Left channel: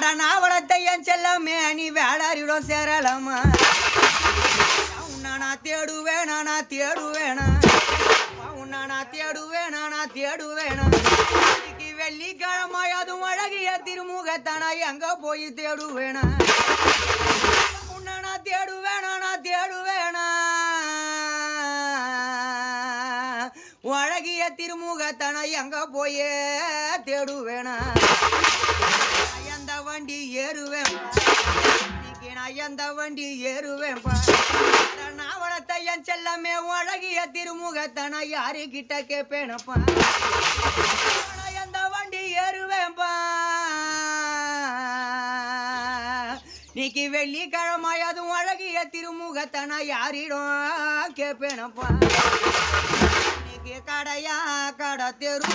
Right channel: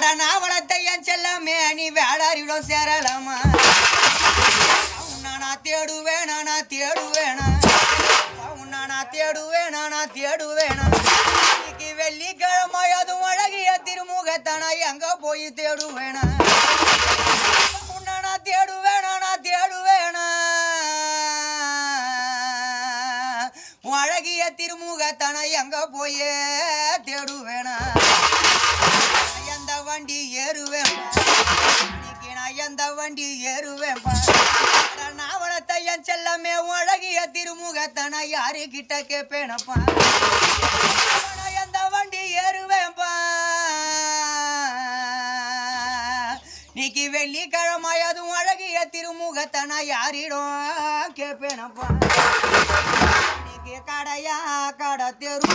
நான் வளர்த்த என் செல்லமே நீ வேளாரிடம் சேரலாமா உன்னை நான் தேடுவேனா நான் தேடுவேனா உன்னை நான் தேடுவேனா நான் தேடுவேனா இன்னைக்கு வெள்ளிக்கிழமை அதுவும் அழகிய திருமுகத்தானா எங்க போய் தேடுவேனா உன்னை நான் தேடுவேனா நான் தேடுவேனா அழகிய திருமுகத்தானா எங்க போய் தேடுவேனா எந்த வண்டி ஏறுவேன் நான் எந்த வண்டி ஏறுவேன்பா நான் வளர்த்த என் செல்லமே அழகிய திருமுகத்தானா யாரு கிட்ட கேட்பேனப்பா எந்த வண்டி ஏறுவேன்பா நீக்கு வெள்ளிக்கிழமை அதுவும் அழகிய திருமுகத்தானா யாரிடம் கேட்பேனப்பா நீக்கு கடையா கடை தெரு